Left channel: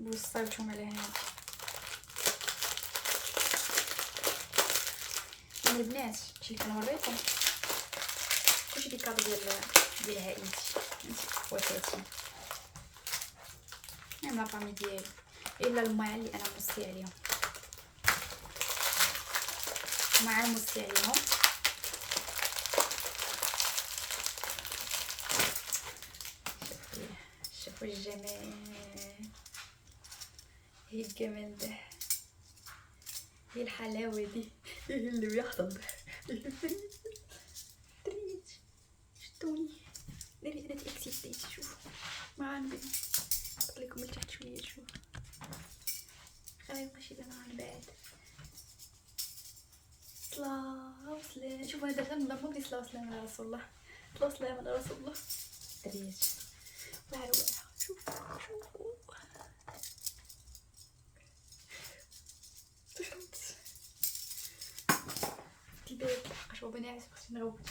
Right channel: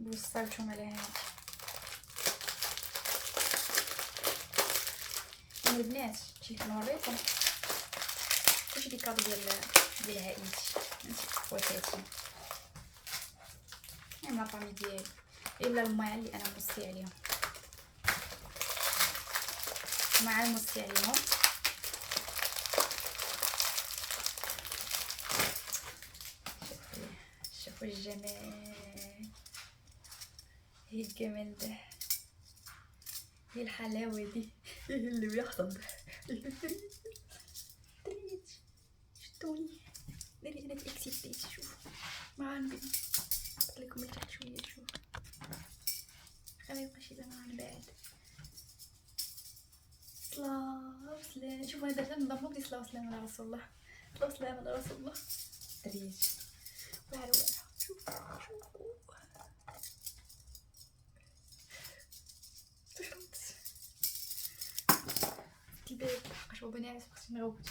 وصلتهم على هادي. يعني البنات شي كنوريكم كلشي ديك كادو ديال عائلتي خواتاتي، يعني لافامي ديالي، الا الماعن اللي انا موصي عليهم، الماعن موصي عليهم. شوفوا الجمال، هي الجمال ده، هي الحلاوه دي، ايه اللي بيحصل ده، تريت شتوني ديري انا تاكسيتيت. شوف معانا بين نحط لكم من تحت شويه، شوف خلي يبقى يبان معانا بعد. صلاة وسلام. شوفوا انا درت نضربو بلي صلاة وسلام على رسول الله، صلاة وسلام على رسول الله. تريت واعره شوف شوفوا تخنت الباب لحقاش بابا ناعس خصني نغوت.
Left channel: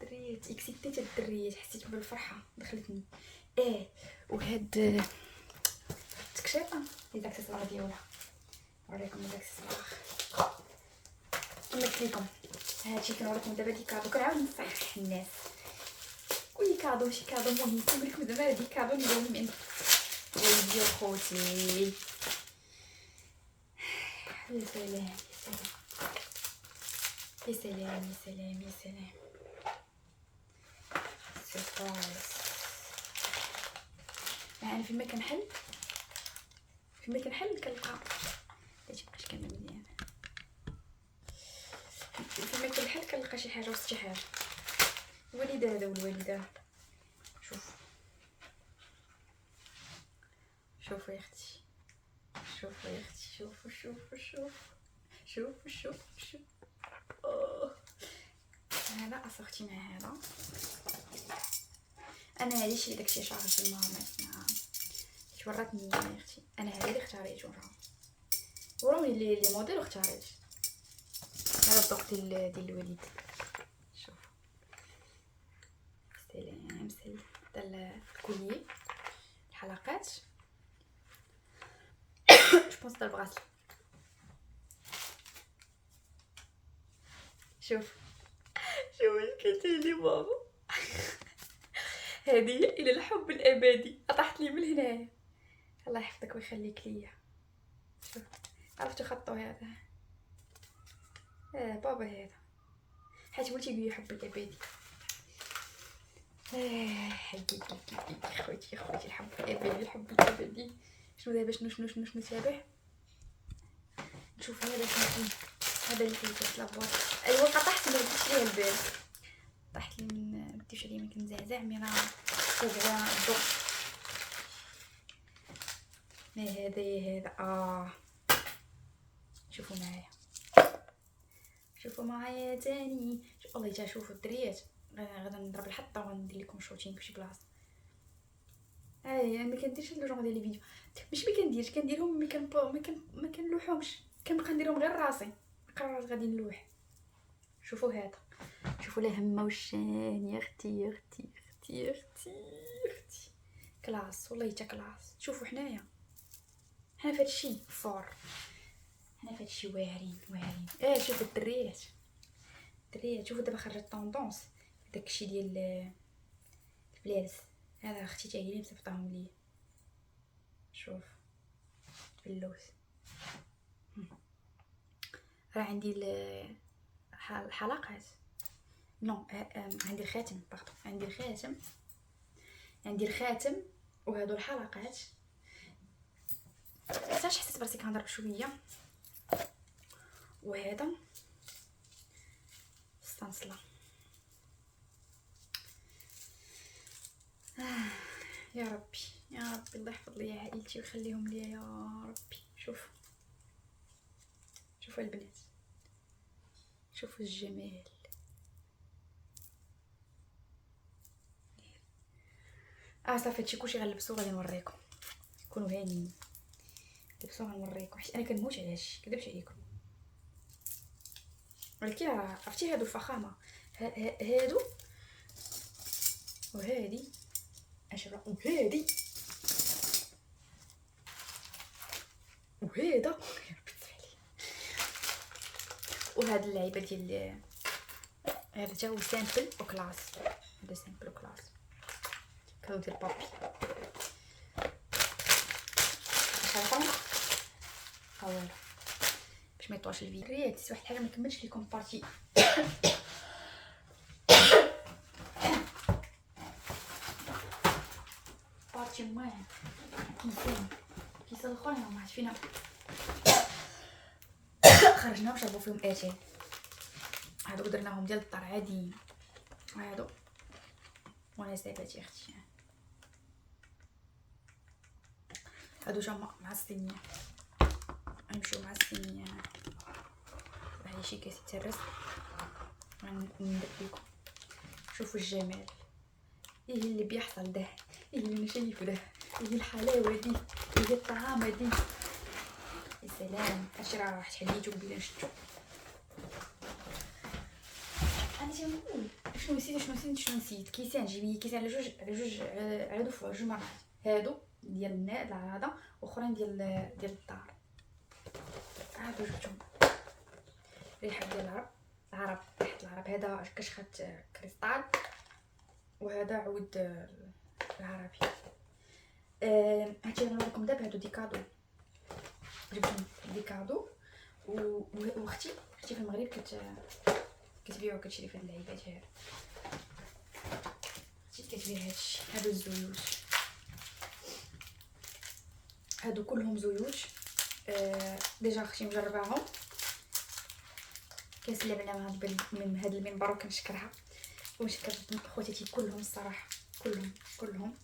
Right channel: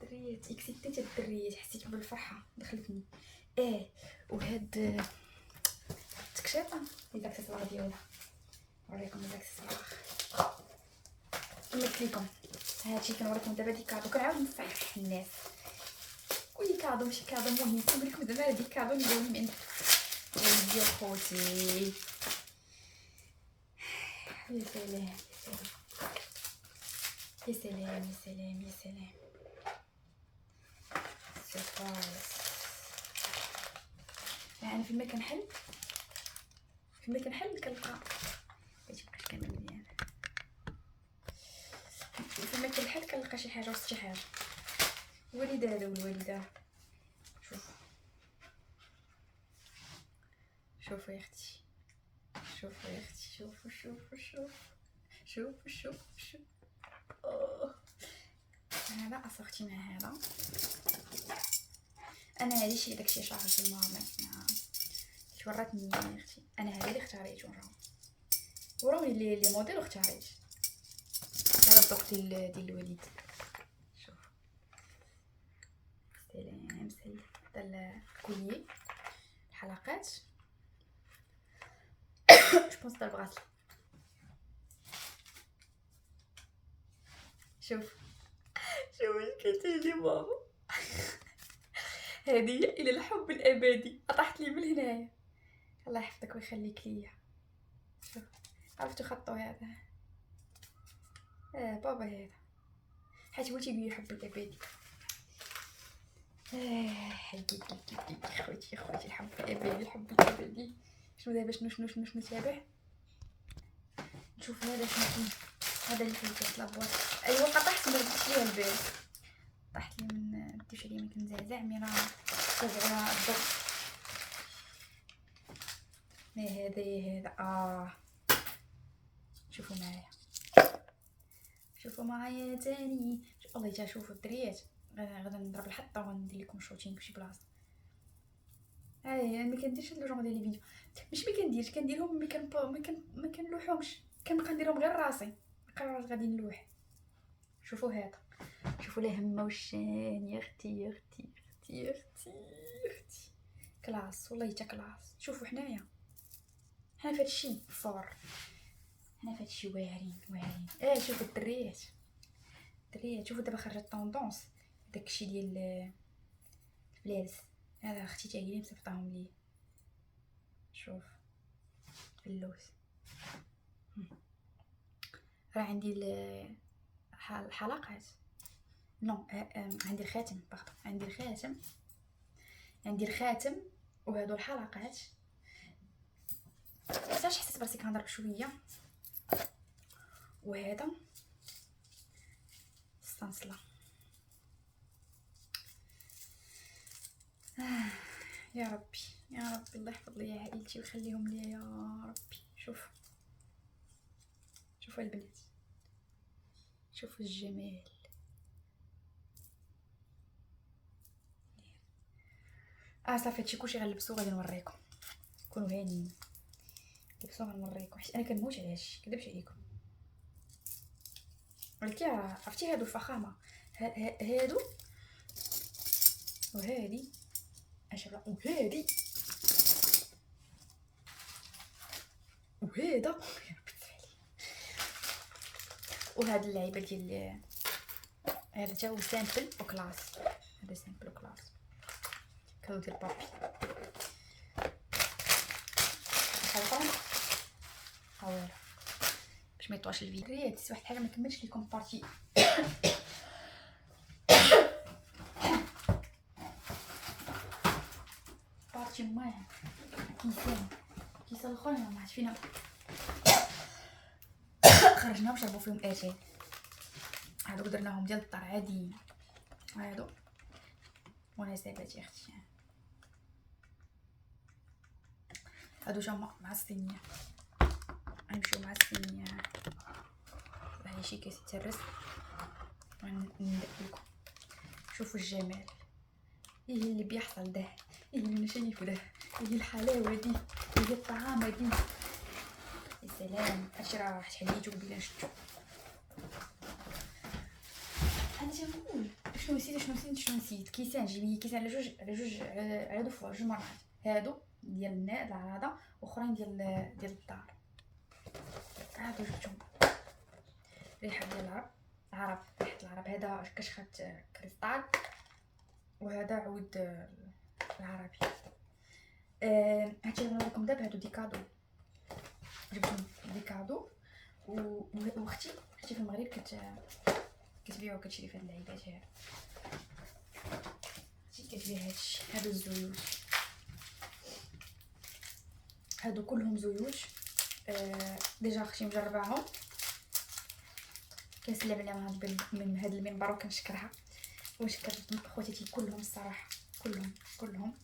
دريات اكسيتيت الدريات، حسيت بالفرحه دخلتني. وهاد التكشيطه هي داكسيسوار ديالها، نوريكم الاكسسوار كما قلت لكم. هادشي كنوريكم دابا دي كادو، كنعاود نصحح الناس كل كادو ماشي كادو مهم، كنقول لكم دابا هادي كادو اللي جاوني من والدي وخوتي. يا سلام يا سلام يا سلام يا سلام. سيربرايز. يعني فين ما كنحل كنلقى هادشي مابقاش كامل مزيان، فين ما كنحل كنلقى شي حاجه وسط شي حاجه. الوالده هذا والوالده، شوفوا يا اختي، شوفوا يا اختي، شوفوا شوفوا شوفوا شوفوا شوفوا شوفوا. هذا اصاختي مع هذا. انا هذه شي داكشي شارجي ماما توراتني يا اختي، انا هذه اللي اختاريت وراهم اللي موديل اختاريت. هذا الذوق ديال الوليد. شوف سلام سلام. هذا الكولي الحلقات جو بونس دا البغاس. شوف اش كاين لي ماما. هذه الى الحب الابدي طاحت لي من هنايا. الله يحفظك ويخليك ليا. شوف عرفتوا خطو هذا بابا هذا، حيت هو تيقول يحب الابدي. حبيبي خوتي الحب الابدي. شنو دابا شنو تابع؟ نشوف هذا شنو هذا اللي فيه لابواط. ايوا طاحت ما رديتش ليها البال، طاحت لي من رديتش عليا ما كنزعزع مي راه تبغى الضوء. ما هذا يا هذا شوفوا معايا تاني. والله حتى شوفوا الدريات، غادا نضرب الحطه وندير لكم شوتين في شي بلاصه. انا ما كنديرش هاد الجونغ ديال لي فيديو، ماشي ما كنديرش، كنديرهم ما كنلوحهمش، كنبقى نديرهم غير راسي قررت غادي نلوح. شوفوا هذا، شوفوا الهمه والشان يا اختي يا اختي يا اختي يا اختي. كلاس والله حتى كلاس. شوفوا حنا في هادشي فور، حنا في هادشي واعرين. شوفوا الدريات شوفوا دابا خرجت طوندونس داكشي ديال البلالس. هذا اختي حتى هي اللي مصيفطاهم لي. شوف اللوز راه عندي الحلقات نو عندي الخاتم عندي الخاتم وهادو الحلقات. علاش حسيت براسي كنهضر بشويه. وهذا الصنصله. يا ربي الله يحفظ لي عائلتي ويخليهم ليا يا ربي. شوفوا البنات، شوفوا الجمال. صافي هادشي كلشي غنلبسو غادي نوريكم. كونوا هانيين لبسو غنوريكم، حيت انا كنموت على هادشي كدبش عليكم. ولكن عرفتي هادو الفخامه، هادو وهادي 10. وهذه وهذا يا ربي تسمحلي. وهاد اللعيبه ديال هذا تا هو سامبل وكلاس. هذا سامبل وكلاس كادو ديال بابي. حاول باش ما يطواش الفيديو. ريت واحد الحاجه ما كملتش لكم بارتي. بارتي موان كيسان الاخرين ما عرفت فينا خرجنا باش نشربوا فيهم اتاي. هادو درناهم ديال الدار عاديين، هادو مناسبات اختي. هادو جا مع الصينيه، غنمشيو مع الصينيه. هاي شي كاس يترس غندير لكم. شوفوا الجمال، ايه اللي بيحصل ده، ايه اللي انا شايفه ده، ايه الحلاوه دي، ايه الطعامه دي. يا سلام. هادشي راه واحد حليتو قبيله نشدو. انا تنقول شنو نسيت كيسان. جيبي كيسان على جوج مرات. هادو ديال العراضه واخرين ديال الدار. هادو جبتهم ريحه ديال العرب. ريحه العرب. هذا كشخه كريستال وهذا عود العربي. هادشي اللي نوريكم دابا هادو دي كادو. جبتهم دي كادو واختي في المغرب كتبيع وكتشري في هاد اللعيبات. هاد كتبيع هادشي. هادو الزيوت، هادو كلهم زيوت. ديجا اختي مجرباهم. كنسلم عليها من هاد المنبر وكنشكرها ونشكر خواتاتي كلهم الصراحه. كلهم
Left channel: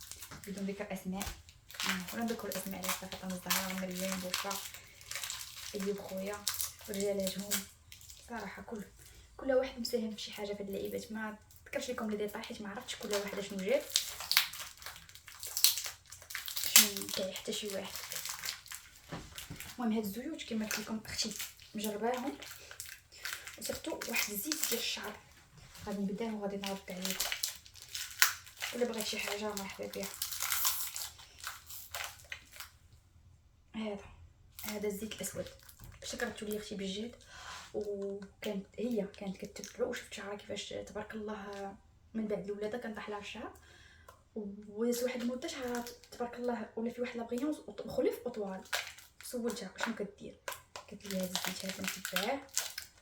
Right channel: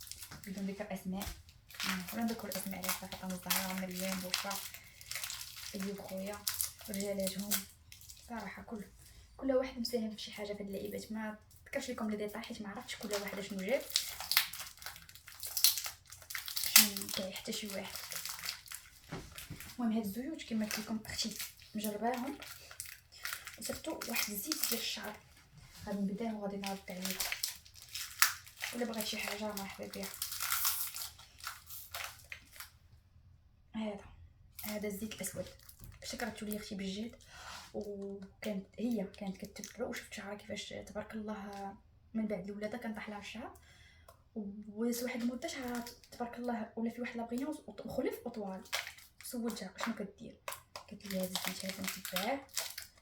بدون ذكر اسماء. ولا نذكر الاسماء على فاطمه الزهراء مريم بوشرا ايوب خويا رجالاتهم صراحه. كل واحد مساهم في شي حاجه في هاد اللعيبات. ما ذكرش لكم لي ديطاي حيت ما عرفتش كل واحد شنو جاب. باش كاع حتى شي واحد. المهم هاد الزيوت كما قلت لكم اختي مجرباهم. وصرتو واحد الزيت ديال الشعر غادي نبداه وغادي نرد عليكم. ولا بغيت شي حاجه مرحبا بها. هذا الزيت الاسود شكرتو لي اختي بالجد. وكانت كانت كتبعو وشفت شعرها كيفاش تبارك الله من بعد الولاده كان طاح لها الشعر. ودازت واحد المده شعرها تبارك الله ولا في واحد لابغيونس وخلف وطوال. سولتها شنو كدير، قالت لي هذا الزيت هذا نتبعاه.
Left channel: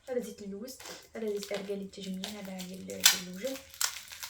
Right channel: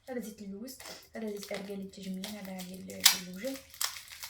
هذا زيت اللوز، هذا زيت ارغال للتجميل، هذا ديال الوجه،